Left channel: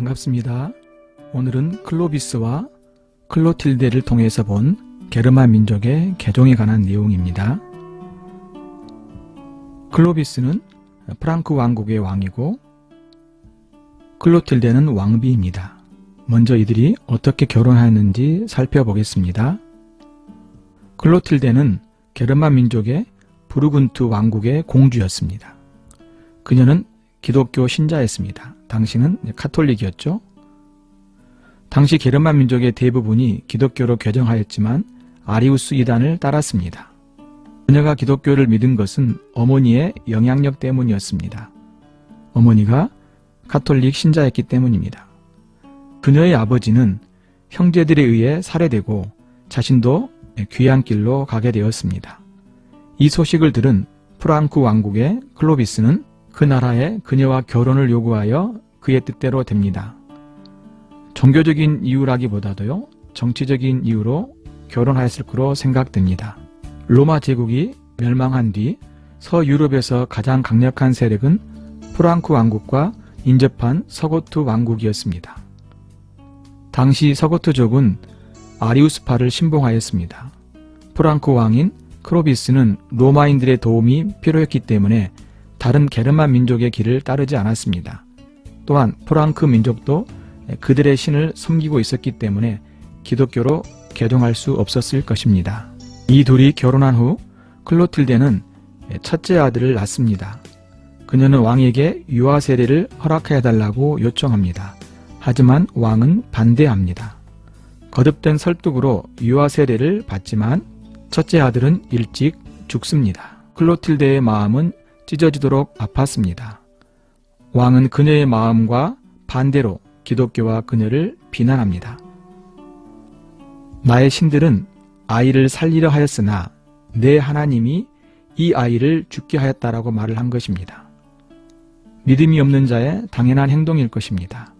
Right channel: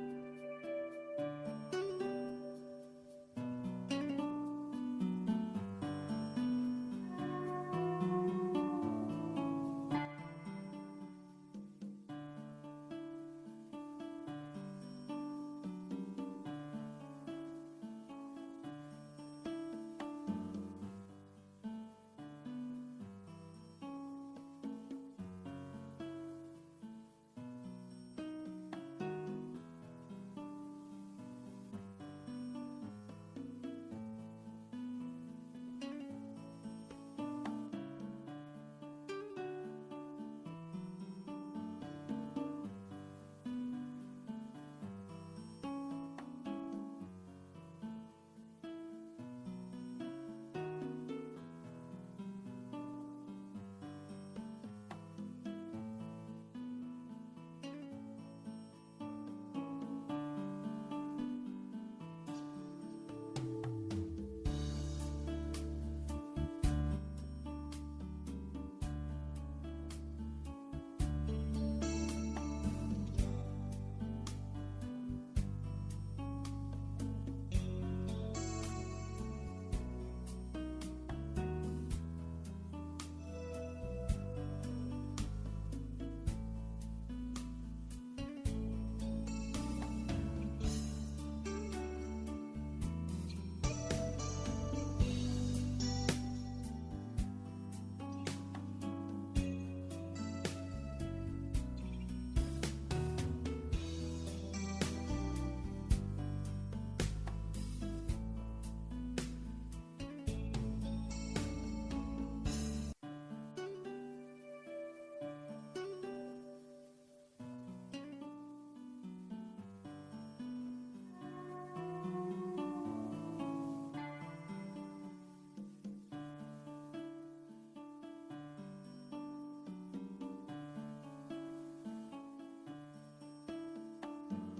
반갑습니다. 오늘은 클로비스와 클로틸데를 통해서 본 게르만 민족의 개종에 관한 내용입니다. 클로비스는 프랑크 왕국의 왕이고 클로틸데는 왕비입니다. 먼저 이들이 어떻게 결혼하였는지 살펴보겠습니다. 클로틸데는 게르만 민족의 부르군트 왕국의 공주였습니다. 그녀는 기독교 신자였습니다. 당시는 카톨릭이었죠. 당시 게르만 민족의 대부분이 기독교로 개종하였지만 아리우스 이단을 따랐습니다. 그녀가 기독교를 믿은 것은 어머니의 영향력 때문이었습니다. 어머니가 카톨릭 신자였기 때문입니다. 그녀의 아버지는 형제들에 의해 살해되고 자신도 귀한 길로 가게 되었습니다. 이 소식을 들은 프랑크 왕국의 클로비스는 그 나라에 그녀와 결혼을 요구하여 그의 뜻대로 됩니다. 종교적인 이유라기보다도요, 정치적인 이유로 결혼하였을 거로 생각됩니다. 로마 제국이 멸망한 뒤 서유럽에서 가장 강력한 세력은 프랑크 왕국과 인접한 서고트 왕국이었습니다. 당시 서고트족은 아리우스파를 신봉하였습니다. 프랑크 왕인 클로비스는 로마인들의 도움이 필요했기 때문에 다른 게르만 민족의 길을 따르지 않았습니다. 또한 프랑크 민족도 그들의 신을 섬기고 있었기 때문에 기독교로 개종할 수 없었을 것입니다. 이 둘이 결혼한 후 클로틸데는 첫째 아들을 낳습니다. 그녀는 왕에게 유아 세례를 허락해달라고 요청합니다. 하지만 왕은 반대합니다. 거듭된 설득으로 유아 세례를 받지만 첫째 아들은 일찍 죽습니다. 클로틸데의 마음은 찢어지도록 아팠습니다. 왕은 그녀의 마음과 반대로 기독교와 그녀를 비난합니다. 나의 신들은 아이를 살리려 하였으나 내 하나님이 이 아이를 죽게 하였다라고 말을 한 것입니다. 믿음이 없는 자의 당연한 행동일 것입니다.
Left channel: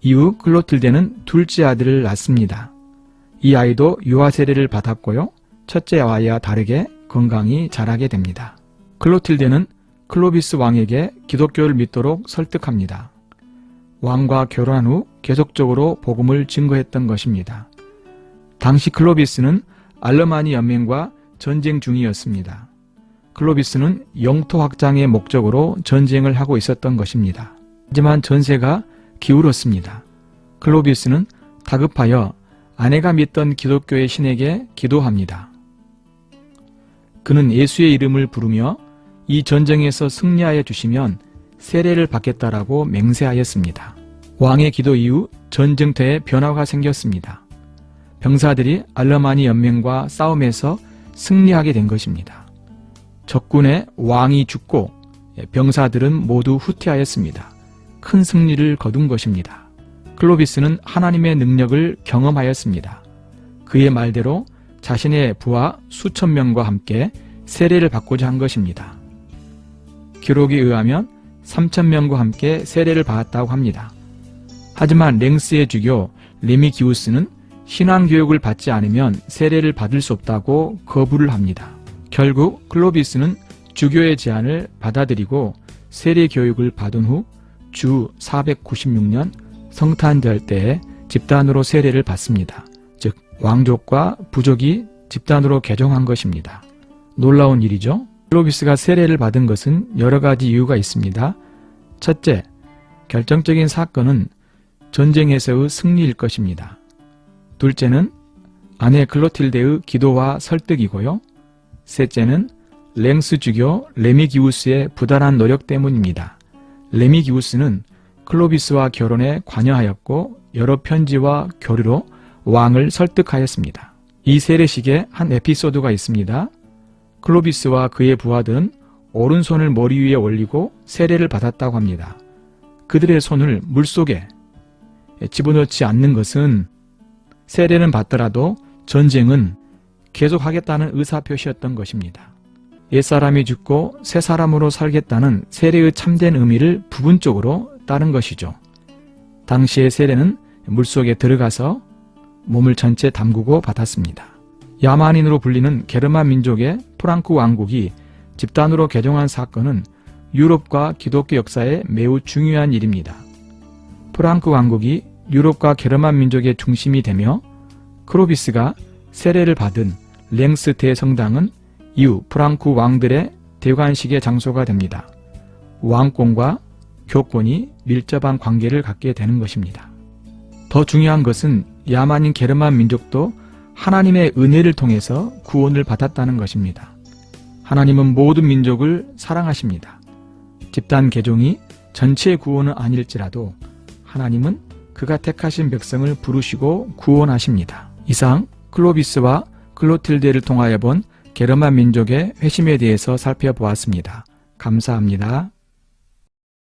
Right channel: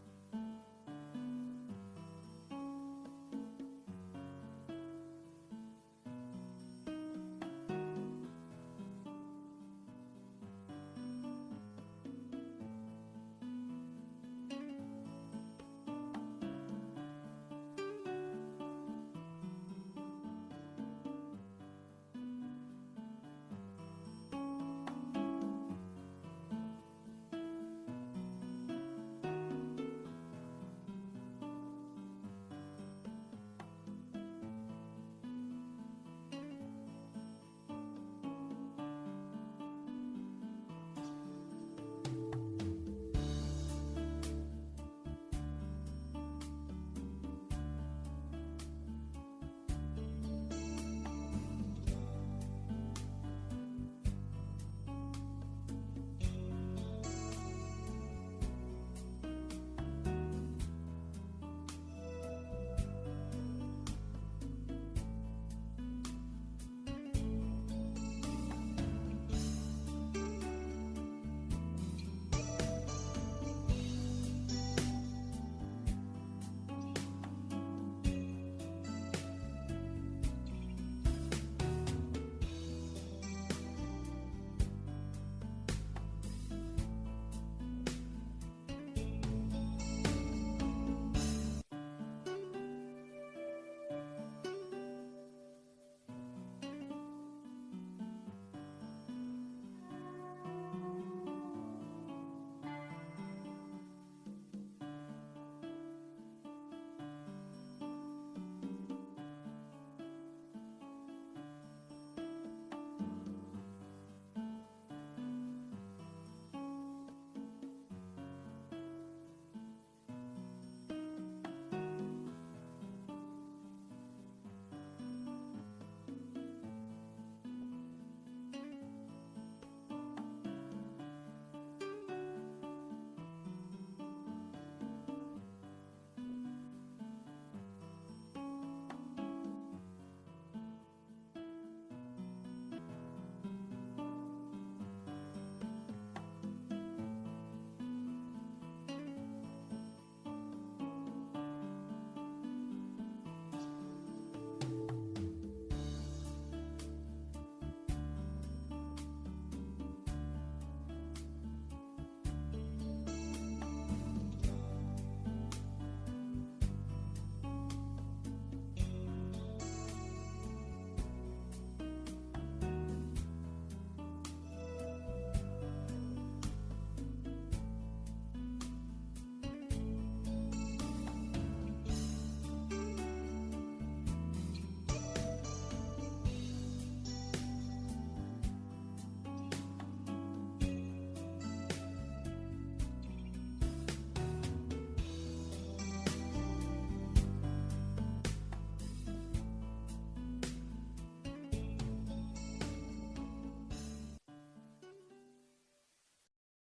이후 클로틸데는 둘째 아들을 낳습니다. 이 아이도 유아 세례를 받았고요, 첫째 아이와 다르게 건강히 자라게 됩니다. 클로틸데는 클로비스 왕에게 기독교를 믿도록 설득합니다. 왕과 결혼한 후 계속적으로 복음을 증거했던 것입니다. 당시 클로비스는 알르마니 연맹과 전쟁 중이었습니다. 클로비스는 영토 확장의 목적으로 전쟁을 하고 있었던 것입니다. 하지만 전세가 기울었습니다. 클로비스는 다급하여 아내가 믿던 기독교의 신에게 기도합니다. 그는 예수의 이름을 부르며 이 전쟁에서 승리하여 주시면 세례를 받겠다라고 맹세하였습니다. 왕의 기도 이후 전쟁터에 변화가 생겼습니다. 병사들이 알르마니 연맹과 싸움에서 승리하게 된 것입니다. 적군의 왕이 죽고 병사들은 모두 후퇴하였습니다. 큰 승리를 거둔 것입니다. 클로비스는 하나님의 능력을 경험하였습니다. 그의 말대로 자신의 부하 수천 명과 함께 세례를 받고자 한 것입니다. 기록에 의하면 3,000명과 함께 세례를 받았다고 합니다. 하지만 랭스의 주교 레미기우스는 신앙교육을 받지 않으면 세례를 받을 수 없다고 거부를 합니다. 결국 클로비스는 주교의 제안을 받아들이고 세례 교육을 받은 후 주 496년 성탄절 때에 집단으로 세례를 받습니다. 즉 왕족과 부족이 집단으로 개종한 것입니다. 놀라운 일이죠. 클로비스가 세례를 받은 것은 여러 가지 이유가 있습니다. 첫째, 결정적인 사건은 전쟁에서의 승리일 것입니다. 둘째는 아내 클로틸데의 기도와 설득이고요. 셋째는 랭스 주교 레미기우스의 부단한 노력 때문입니다. 레미기우스는 클로비스와 결혼에 관여하였고 여러 편지와 교류로 왕을 설득하였습니다. 이 세례식에 한 에피소드가 있습니다. 클로비스와 그의 부하들은 오른손을 머리 위에 올리고 세례를 받았다고 합니다. 그들의 손을 물속에 집어넣지 않는 것은 세례는 받더라도 전쟁은 계속하겠다는 의사표시였던 것입니다. 옛사람이 죽고 새 사람으로 살겠다는 세례의 참된 의미를 부분적으로 따른 것이죠. 당시의 세례는 물속에 들어가서 몸을 전체 담그고 받았습니다. 야만인으로 불리는 게르만 민족의 프랑크 왕국이 집단으로 개종한 사건은 유럽과 기독교 역사에 매우 중요한 일입니다. 프랑크 왕국이 유럽과 게르만 민족의 중심이 되며 클로비스가 세례를 받은 랭스 대성당은 이후 프랑크 왕들의 대관식의 장소가 됩니다. 왕권과 교권이 밀접한 관계를 갖게 되는 것입니다. 더 중요한 것은 야만인 게르만 민족도 하나님의 은혜를 통해서 구원을 받았다는 것입니다. 하나님은 모든 민족을 사랑하십니다. 집단 개종이 전체 구원은 아닐지라도 하나님은 그가 택하신 백성을 부르시고 구원하십니다. 이상 클로비스와 클로틸데를 통하여 본 게르만 민족의 회심에 대해서 살펴보았습니다. 감사합니다.